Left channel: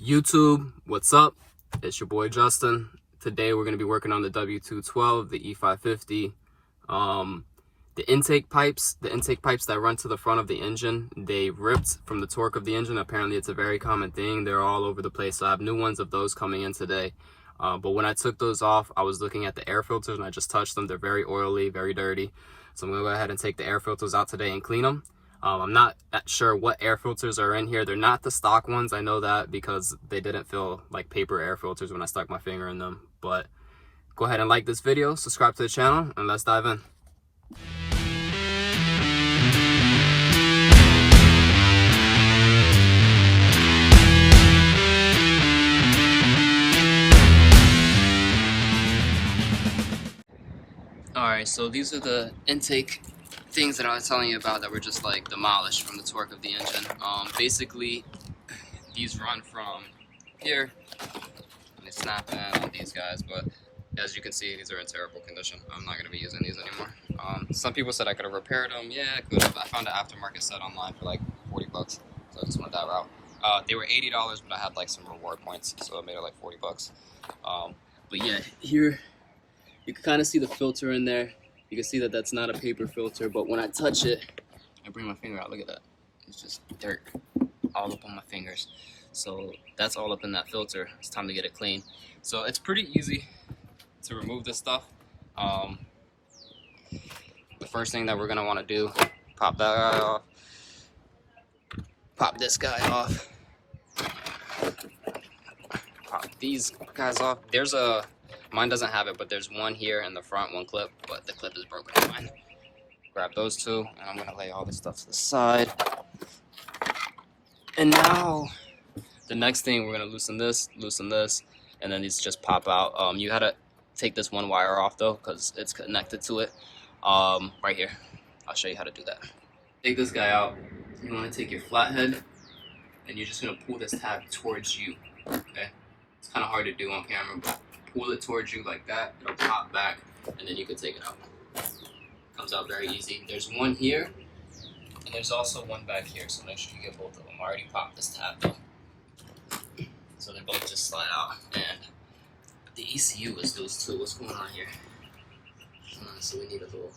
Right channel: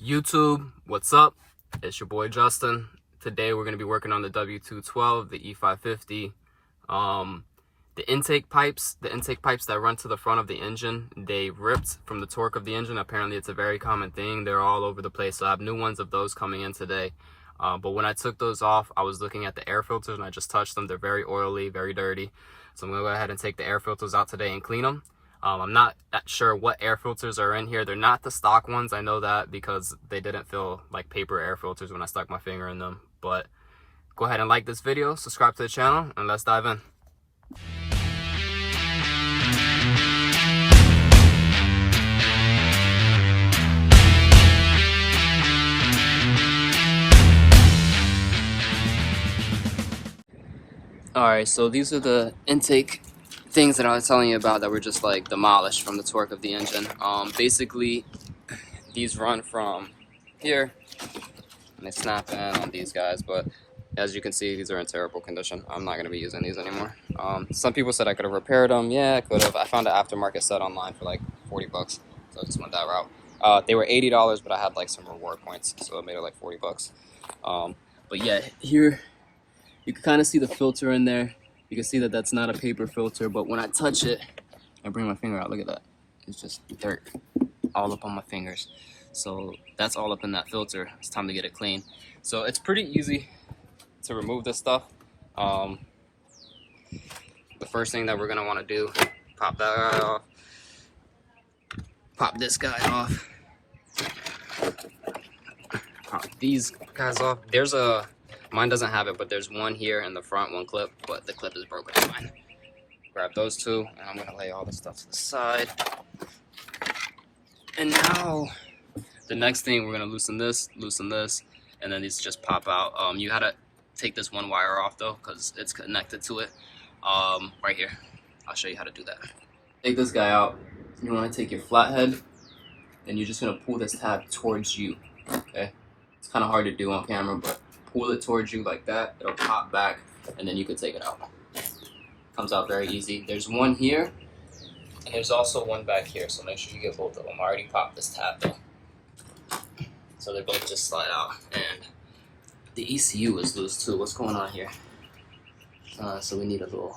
YouTube, what's up? It's your boy Justin. Today we're going to be working on the W212, the E550. The intake pipes that run to the front of the engine, they ripped from the torque of the engine. Apparently it's a very common thing. They're all over the place. So I have new ones of those coming in today. But when I took those off, I was looking at the air filters and I just touched them. They're very oily, very dirty. So I'm going to go ahead and take the air filters out today and clean them. I'm not sure what air filters are in here. They're not the stock ones. I know that because they didn't feel like paper air filters when I stuck my finger in them. But go ahead and like this video, subscribe to the channel, and let's dive in. Alright, so these are the intake things that I was telling you about that were just like demolished from the torque of the engine. Basically, these run from here and they snap in on these guys, but as you can see, these are in terrible condition. I'm not going to be using these anymore. Some people said I could have repaired them. Yeah, I could have. I found an aftermarket set online for like 40 bucks, so I just went that route. They were $80, but I had like some reward points, so it made it like 40 bucks. But yeah, here you can kind of see the filter in there. You can see that that's not a paper filter, but when I touch it, I bring my finger out, look at that. It's just dirt all up on my fingers. So that's all up in that filter. It's time to get it clean. So it's pretty easy to remove this stuff. The first thing that we're gonna wanna do, pop that guy off, pop this guy off, pop these guys off. Mine doesn't have it, but there's one here in the front, one clip, but the clip is broken on mine. Grab those two, and I'm gonna lay all this stuff to the side. And now, the next thing, we're gonna loosen this, and then these just pop out. You gotta take this one wire off though, because it's connected to it, right here. I'll show you how to do that. Take this guy out. You wanna take your flathead, and you're just gonna pull this tab towards you, okay? It's kinda hard to do on camera, but pull it towards you like that, it'll pop back, and then you can take it out. Comes out very easy. There's one here, and there's also one back here, so make sure you get both of them. I already popped this tab though. So they both just slide out, and the ECU is loose too. What's going on here? So we need a little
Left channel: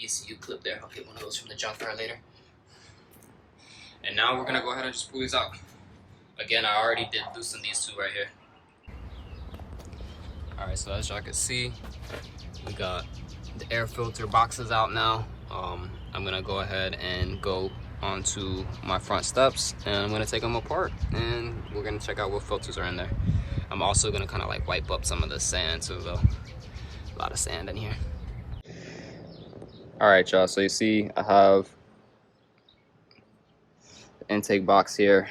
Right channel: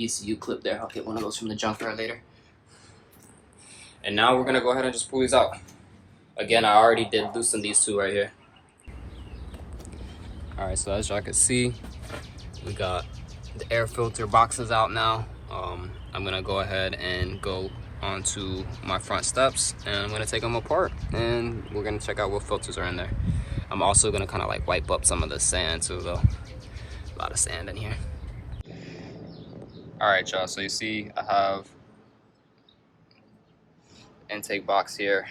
ECU clip there. I'll get one of those from the junkyard later. And now we're gonna go ahead and just pull these out. Again, I already did loosen these two right here. Alright, so as y'all can see, we got the air filter boxes out now. I'm gonna go ahead and go onto my front steps, and I'm gonna take them apart, and we're gonna check out what filters are in there. I'm also gonna kind of like wipe up some of the sand too, though. A lot of sand in here. Alright, y'all, so you see I have the intake box here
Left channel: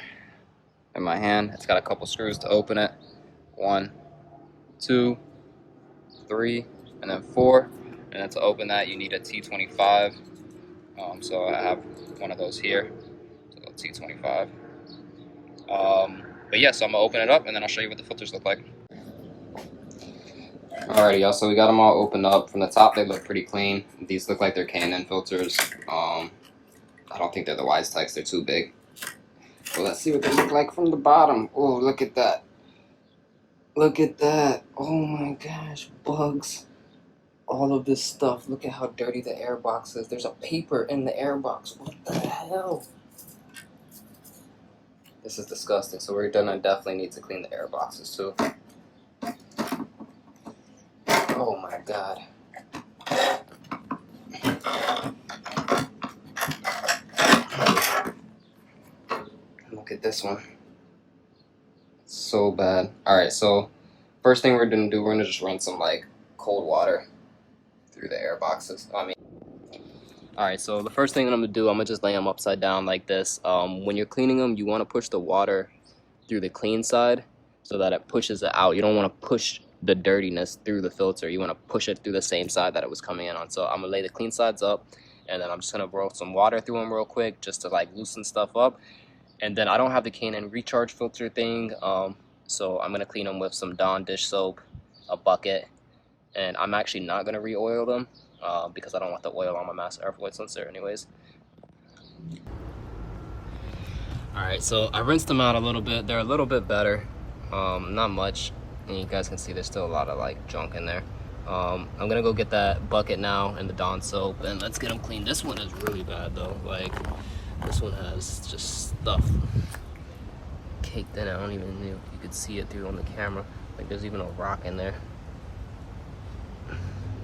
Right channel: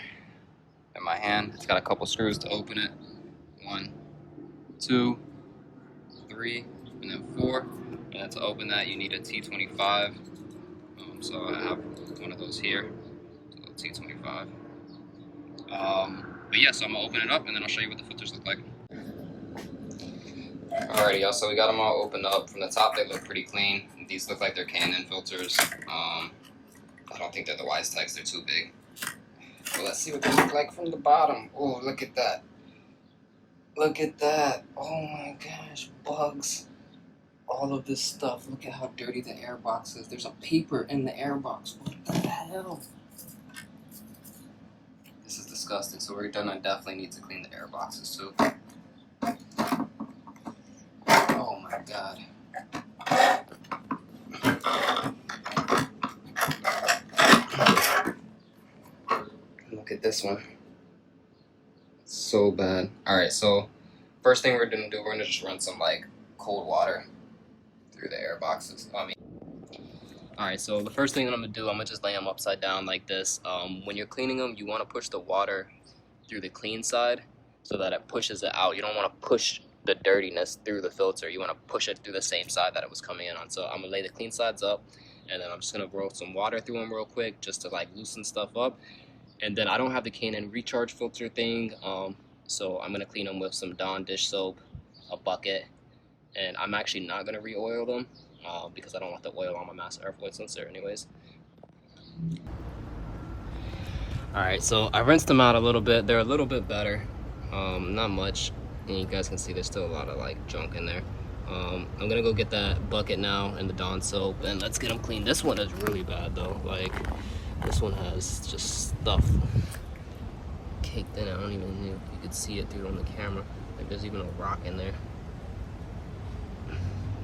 in my hand. It's got a couple screws to open it. 1, 2, 3, and then 4. And then to open that, you need a T25. So I have one of those here, so T25. But yeah, so I'm gonna open it up and then I'll show you what the filters look like. Alrighty, y'all, so we got them all opened up. From the top, they look pretty clean. These look like they're K&N filters. I don't think they're the Wise types, they're too big. But let's see what they look like from the bottom. Oh, look at that. Look at that. Oh my gosh, bugs. All of this stuff. Look at how dirty the air box is. There's a paper in the air box. What the hell? This is disgusting. So we're gonna definitely need to clean the air boxes too. Oh my god. Look at this one. So bad. Alright, so first thing we're gonna do, we're gonna just run some like cold water through the air boxes. Alright, so the first thing that I'm gonna do, I'm gonna just lay them upside down like this. When you're cleaning them, you want to push the water through the clean side so that it pushes it out. You don't want to push the dirtiness through the filter. You want to push it through the same side that it was coming in on. So I'm gonna lay the clean sides up, and then I'm just gonna roll some water through them real quick just to like loosen stuff up. And then I don't have the K&N recharge filter thing, so I'm gonna clean them with some Dawn dish soap, a bucket, and I'm actually not gonna re-oil them because I don't want the oil on my master airflow sensor anyways. All right, so I rinsed them out a little bit. They're a little bit better, not much. And you guys can see there's still a lot of like junk in there. I'm gonna go get that bucket now and the Dawn soap, and let's get them clean. This one is really bad though. Like, this one has just stuff caked in it. I don't even know if you could see it through on the camera. Like, there's even a rock in there.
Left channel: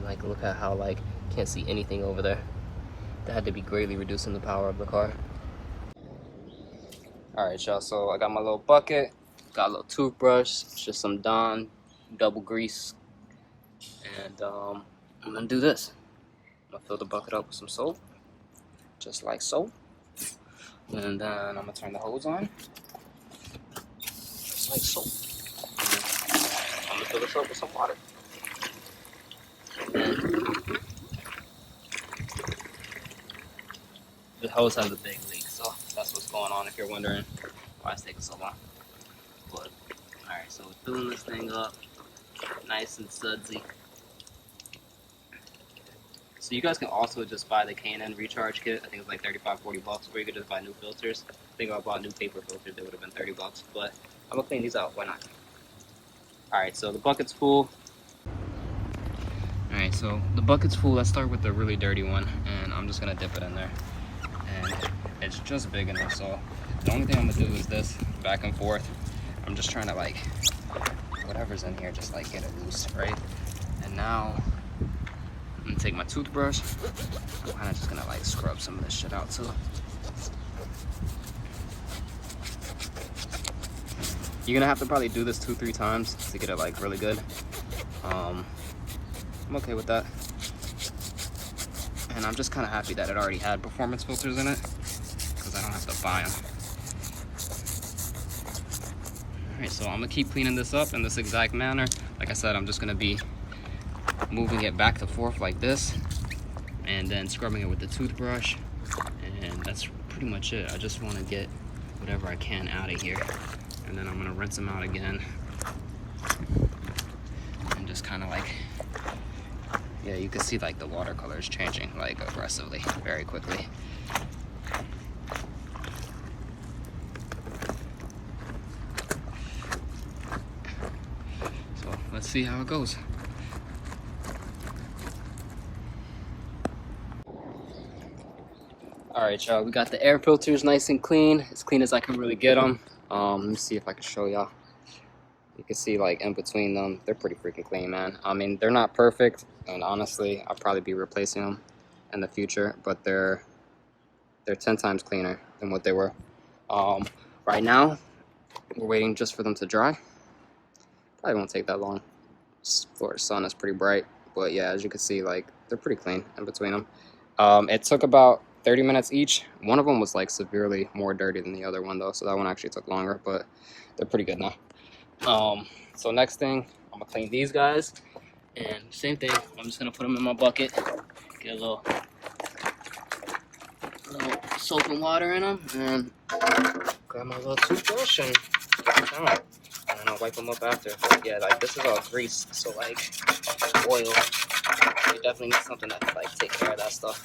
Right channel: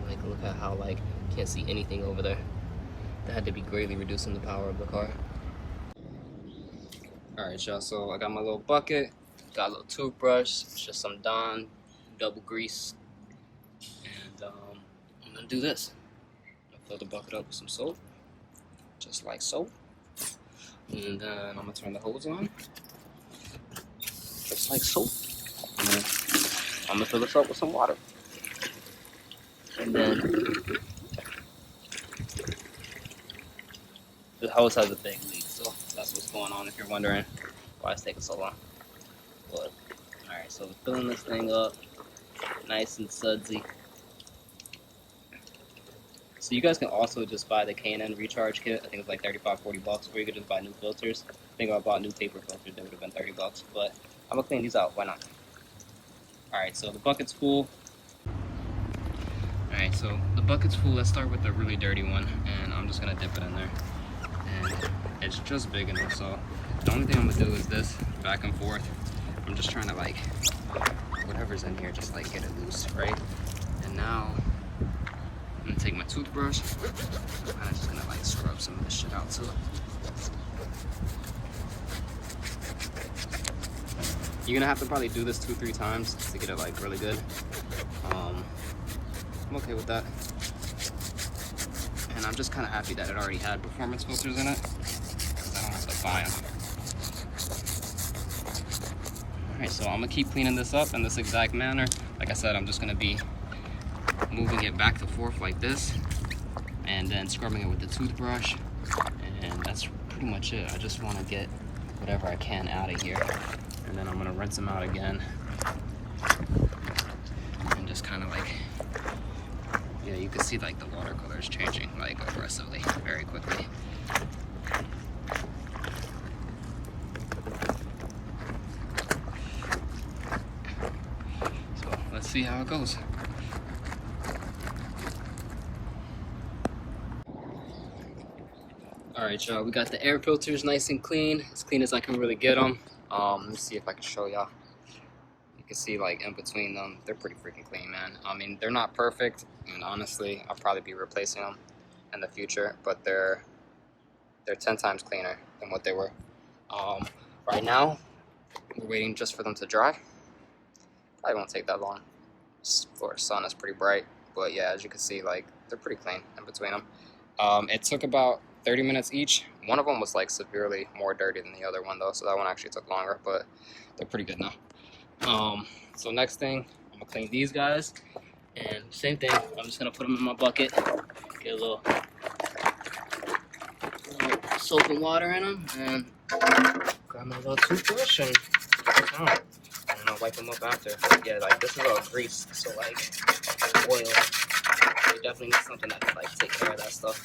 Like, look at how, like, can't see anything over there. That had to be greatly reducing the power of the car. Alright, y'all, so I got my little bucket, got a little toothbrush, just some Dawn double grease, and I'm gonna do this. I'm gonna fill the bucket up with some soap, just like so, and then I'm gonna turn the hose on, just like so, and I'm gonna fill this up with some water. And then the hose has a big leak, so that's what's going on if you're wondering why it's taking so long. But alright, so we're filling this thing up nice and sudsy. So you guys can also just buy the K&N recharge kit. I think it's like 35-40 bucks, or you could just buy new filters. I think if I bought new paper filters, they would have been 30 bucks, but I'm gonna clean these out, why not? Alright, so the bucket's full. Alright, so the bucket's full. Let's start with the really dirty one, and I'm just gonna dip it in there. And it's just big enough, so the only thing I'm gonna do is this, back and forth. I'm just trying to, like, whatever's in here, just like get it loose, right? And now I'm gonna take my toothbrush, and I'm just gonna like scrub some of this shit out too. You're gonna have to probably do this 2-3 times to get it like really good. I'm okay with that. And I'm just kind of happy that it already had performance filters in it, because I don't have to buy them. Alright, so I'm gonna keep cleaning this up in this exact manner. Like I said, I'm just gonna be moving it back and forth like this, and then scrubbing it with the toothbrush, and that's pretty much it. I just want to get whatever I can out of here, and then I'm gonna rinse them out again, and just kind of like, yeah, you can see like the watercolor is changing like aggressively, very quickly. So let's see how it goes. Alright, y'all, we got the air filters nice and clean, as clean as I can really get them. Let me see if I can show y'all. You can see like in between them, they're pretty freaking clean, man. I mean, they're not perfect, and honestly, I'll probably be replacing them in the future, but they're 10 times cleaner than what they were. Right now, we're waiting just for them to dry. Probably won't take that long. Florida sun is pretty bright, but yeah, as you can see, like, they're pretty clean in between them. It took about 30 minutes each. One of them was like severely more dirty than the other one though, so that one actually took longer, but they're pretty good now. So next thing, I'm gonna clean these guys, and same thing, I'm just gonna put them in my bucket, get a little soap and water in them, and grab my little toothbrush and I don't know, wipe them up after. But yeah, like, this is all grease, so like oil, you definitely need something that like take care of that stuff.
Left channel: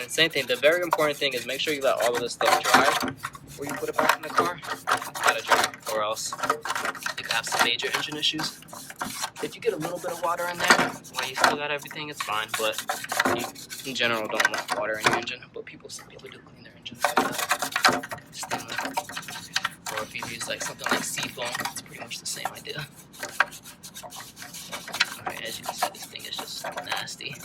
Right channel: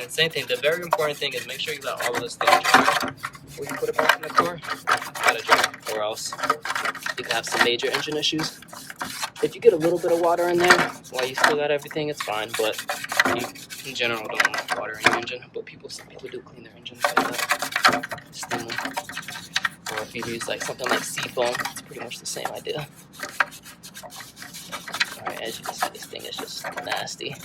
And same thing, the very important thing is make sure you let all of this stuff dry before you put it back in the car. It's gotta dry, or else you can have some major engine issues. If you get a little bit of water in there while you still got everything, it's fine, but you, in general, don't want water in your engine. But some people do clean their engines like that, steam them. Or if you use like something like seafoam, it's pretty much the same idea. Alright, as you can see, this thing is just nasty.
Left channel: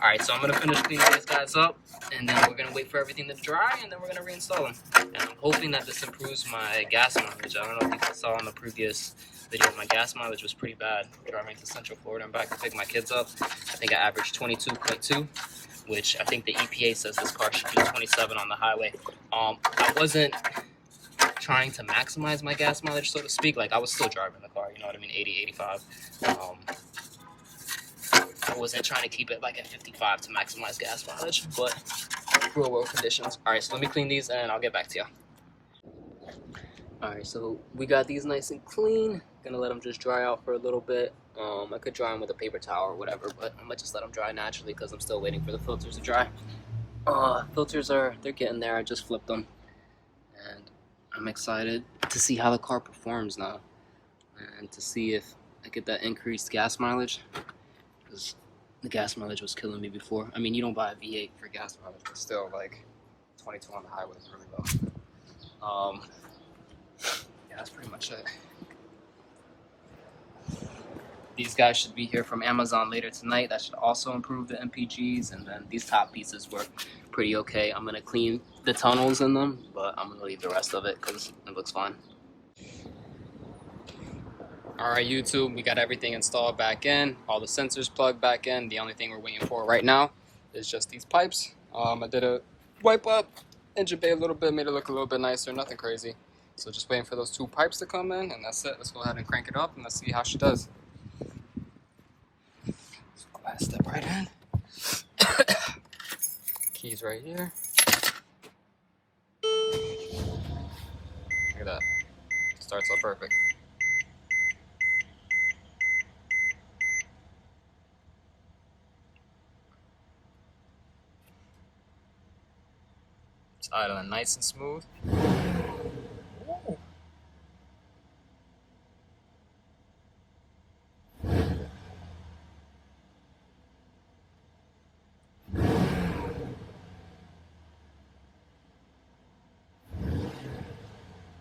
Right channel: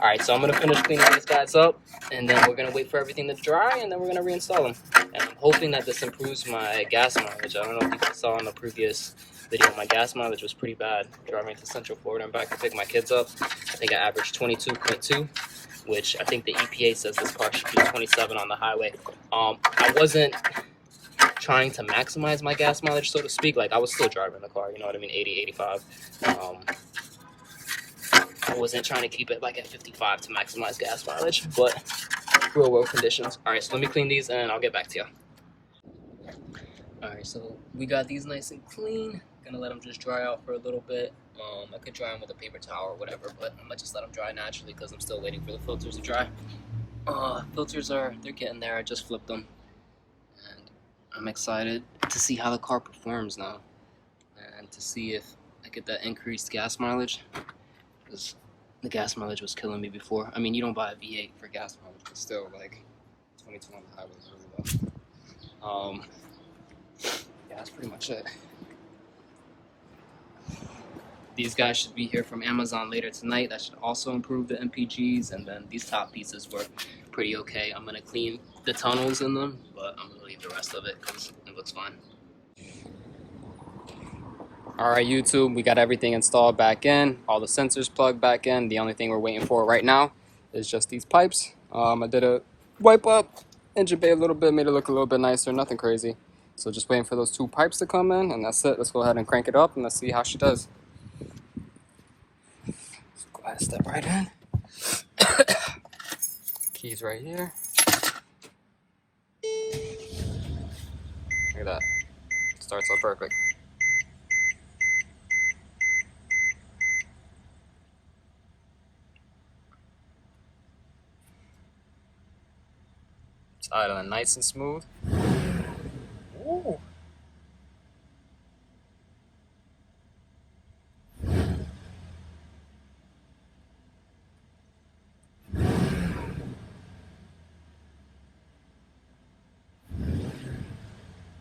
Alright, so I'm going to finish cleaning these guys up, and then we're going to wait for everything to dry, and then we're going to reinstall them. And I'm hoping that this improves my gas mileage. I don't know if you guys saw in the previous video, my gas mileage was pretty bad driving to Central Florida and back to pick my kids up. I think I averaged 22.2, which I think the EPA says this car should do 27 on the highway. I wasn't trying to maximize my gas mileage, so to speak. Like, I was still driving the car, you know what I mean, 80, 85. I wasn't trying to keep it like at 55 to maximize gas mileage, but real world conditions. All right, so let me clean these and I'll get back to you. Alright, so we got these nice and clean. Gonna let them just dry out for a little bit. I could dry them with a paper towel or whatever, but I'm gonna just let them dry naturally because I'm still waiting for the filters to dry. Filters they're getting there. I just flipped them. And I'm excited to see how the car performs now. And to see if I get that increased gas mileage. Because the gas mileage was killing me before. I mean, you don't buy a V8 for gas mileage, but still, like, 22 on the highway is really low. Yeah, that's pretty much it. These guys should be here from Amazon later tonight. That should also improve the MPGs. And then these top pieces were pretty okay. I'm gonna clean the tunnels in them, but I'm gonna leave the rest of it because it looks fine. All right, YouTube, we got everything installed back in, all the sensors plugged back in. The only thing we're waiting for right now is just these pipes. I did a wipe up, engine bay a little bit, made it look a little bit nicer, nothing crazy. So just waiting for those 2 pipes to come in, and that's it. Let's go ahead and crank it up, and let's see how she does. Let's go ahead and step right in. Keys right here. Look at that. Starts up perfect. It's idling nice and smooth. Ooh.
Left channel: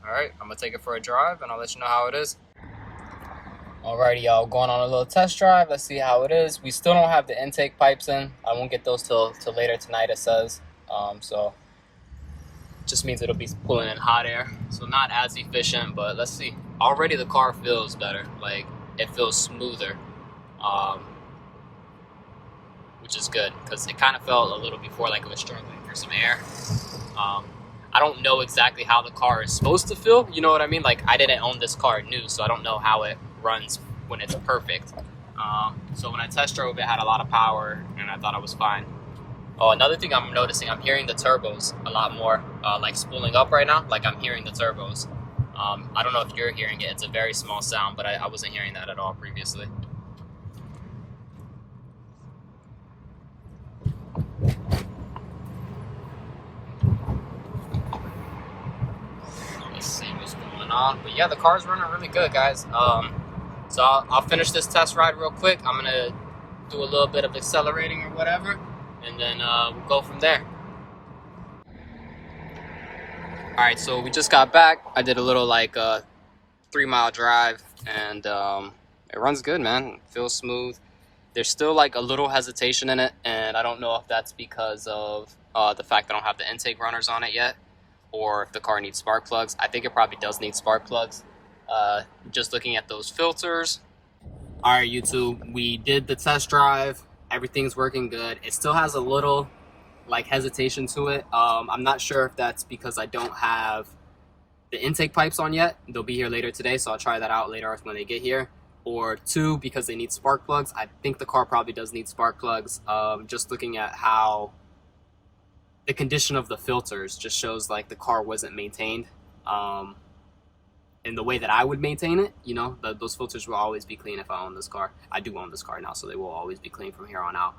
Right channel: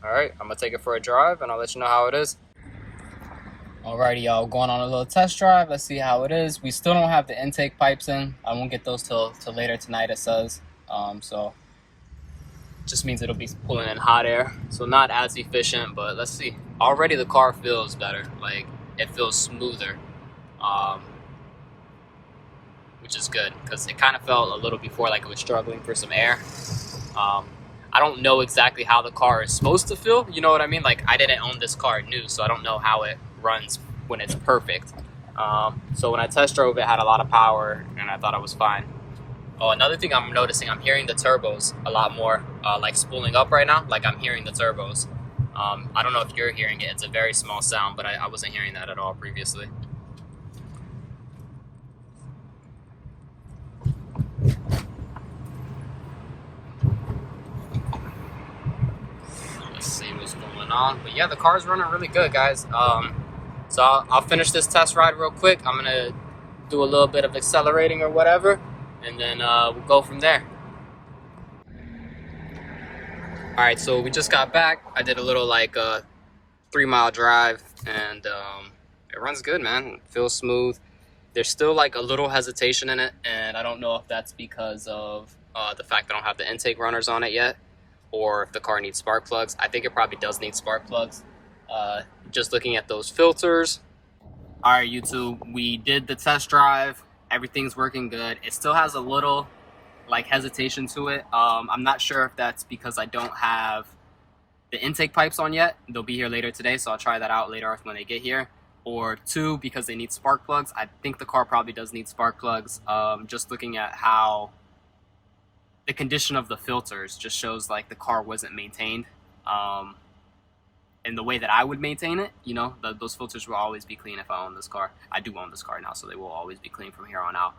Alright, I'm gonna take it for a drive and I'll let you know how it is. Alrighty, y'all, going on a little test drive. Let's see how it is. We still don't have the intake pipes in. I won't get those till later tonight, it says. So just means it'll be pulling in hot air, so not as efficient, but let's see. Already the car feels better, like it feels smoother, which is good because it kind of felt a little before like it was struggling for some air. I don't know exactly how the car is supposed to feel, you know what I mean? Like, I didn't own this car new, so I don't know how it runs when it's perfect. So when I test drove it, had a lot of power and I thought it was fine. Oh, another thing I'm noticing, I'm hearing the turbos a lot more, like spooling up right now, like I'm hearing the turbos. I don't know if you're hearing it, it's a very small sound, but I wasn't hearing that at all previously. Let's see what's going on. But yeah, the car's running really good, guys. So I'll finish this test ride real quick. I'm gonna do a little bit of accelerating or whatever, and then we'll go from there. All right, so we just got back. I did a little like 3-mile drive, and it runs good, man. It feels smooth. There's still like a little hesitation in it, and I don't know if that's because of the fact that I don't have the intake runners on it yet, or if the car needs spark plugs. I think it probably does need spark plugs. Just looking at those filters. All right, YouTube, we did the test drive. Everything's working good. It still has a little like hesitation to it. I'm not sure if that's because I don't have the intake pipes on yet. They'll be here later today, so I'll try that out later when they get here. Or 2, because they need spark plugs. I think the car probably does need spark plugs. Just looking at how the condition of the filters just shows like the car wasn't maintained in the way that I would maintain it. You know, those filters will always be clean if I own this car. I do own this car now, so they will always be clean from here on out.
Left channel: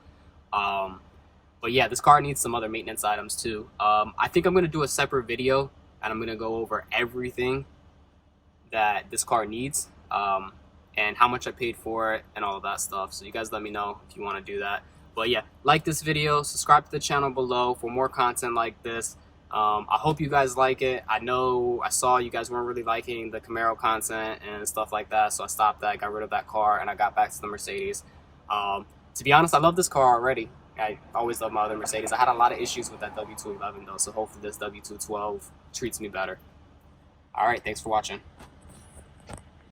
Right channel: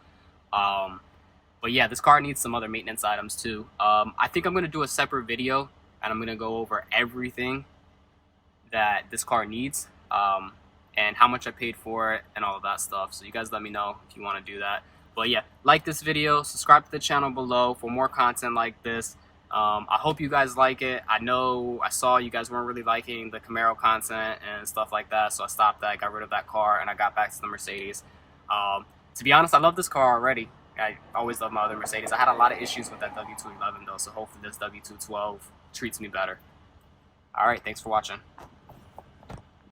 But yeah, this car needs some other maintenance items too. I think I'm going to do a separate video, and I'm going to go over everything that this car needs, and how much I paid for it and all of that stuff. So you guys let me know if you want to do that. But yeah, like this video, subscribe to the channel below for more content like this. I hope you guys like it. I know I saw you guys weren't really liking the Camaro content and stuff like that, so I stopped that, got rid of that car, and I got back to the Mercedes. To be honest, I love this car already. I always love my other Mercedes. I had a lot of issues with that W211 though, so hopefully this W212 treats me better. All right, thanks for watching.